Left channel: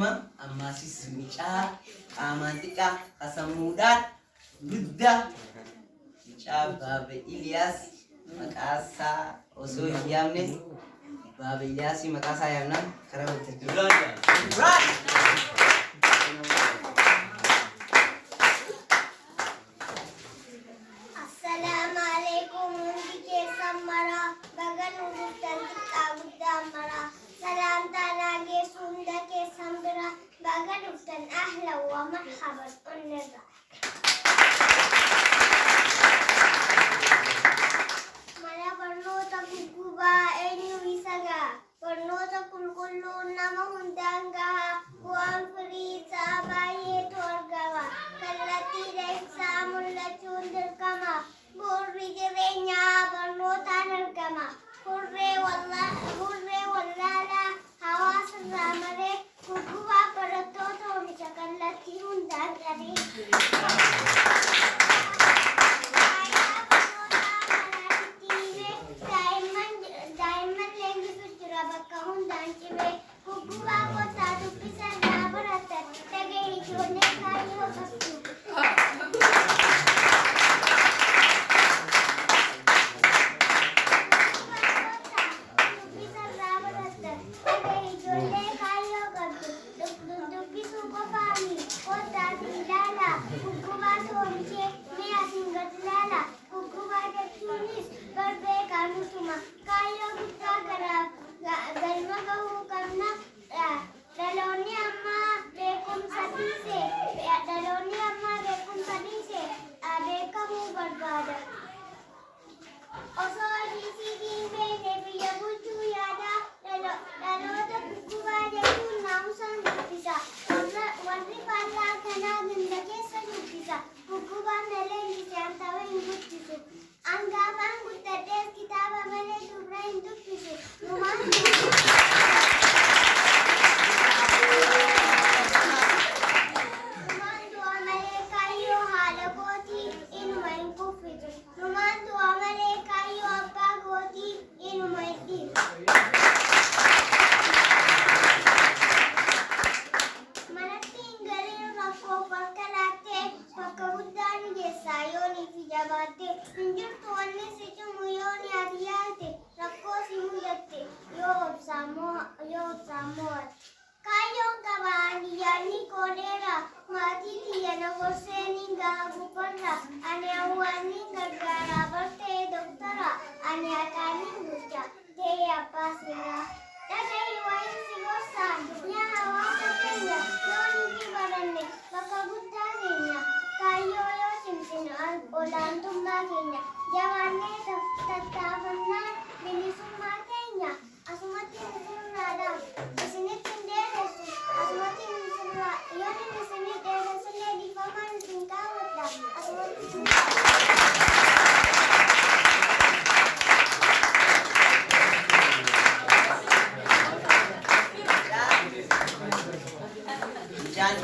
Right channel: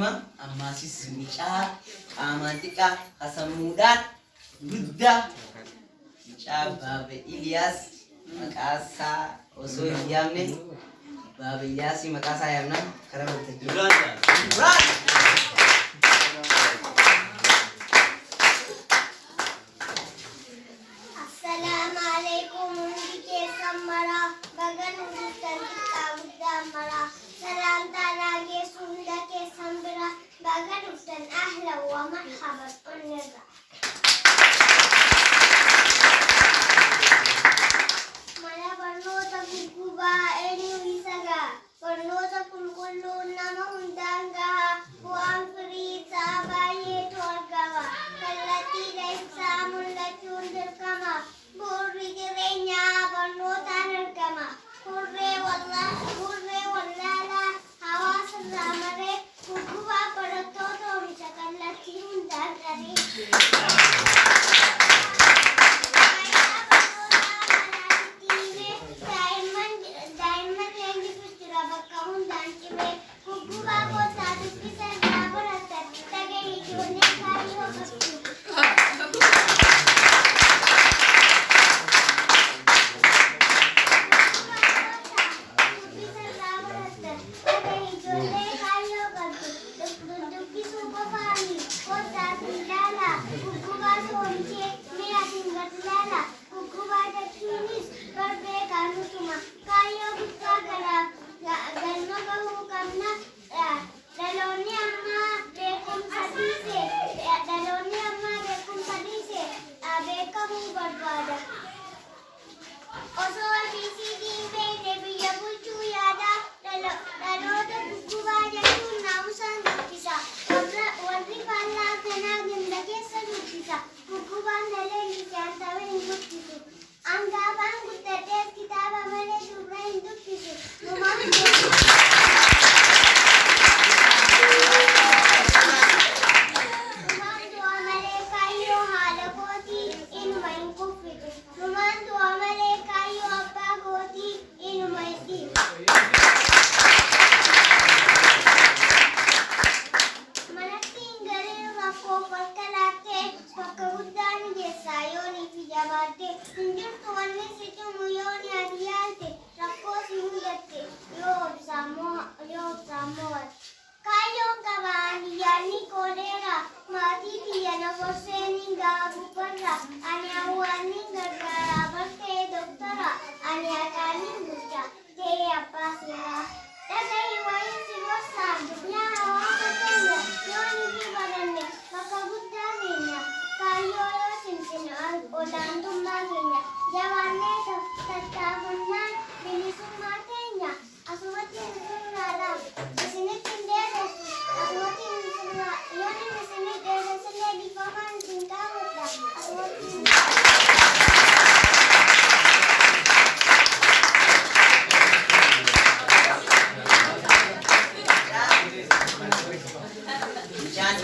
akkasuma ammaasis mucaa qaamaan xiqqaa hasamuudhaan guddaa mucaa Baaba Iliyaas maqaasaa osoo hin yaamne Baaba Iliyaas maqaasaa yaamnaan karaa waltajjii. أهلا ومرحبا بالنسبة mana barnoota guggubaa eenyu isagaa barnoota qulqulluu nama hundaan gahaa bu'aan firii isaa baay'eetu argama kallattiidha ibsaa mul'achuun dirqama bu'uurri jireenyaa barnootaan argama hurree wallaalaa hawaasarraa maree guggubaa barattoota oomisha kallattii hundaan qaree.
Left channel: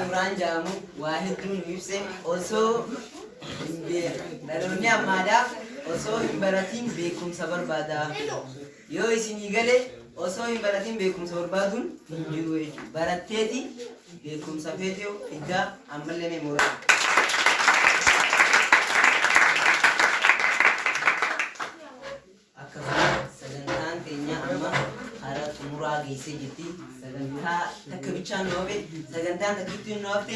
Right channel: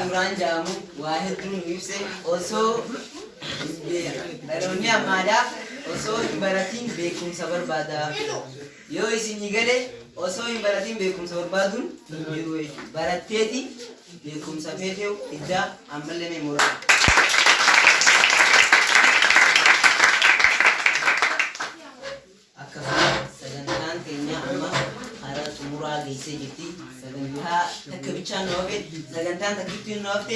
Imran jaamu waa hedduun ibse osoo dhaloonni ammaadhaa osoo hin baratiin beekumsa barbaada. Yoo isinii gale osoo hin baratiin beekumsa barbaaduun hin jiru jechuudha. Baratteeti beekumsa feetee iddaa ammallee meemooraa. Akkasuma sagantaan keenya amma hara xumuraa geessee jirti. Sagantaa takka bichaan nu hafe sagantaan takkittiin nu hafte.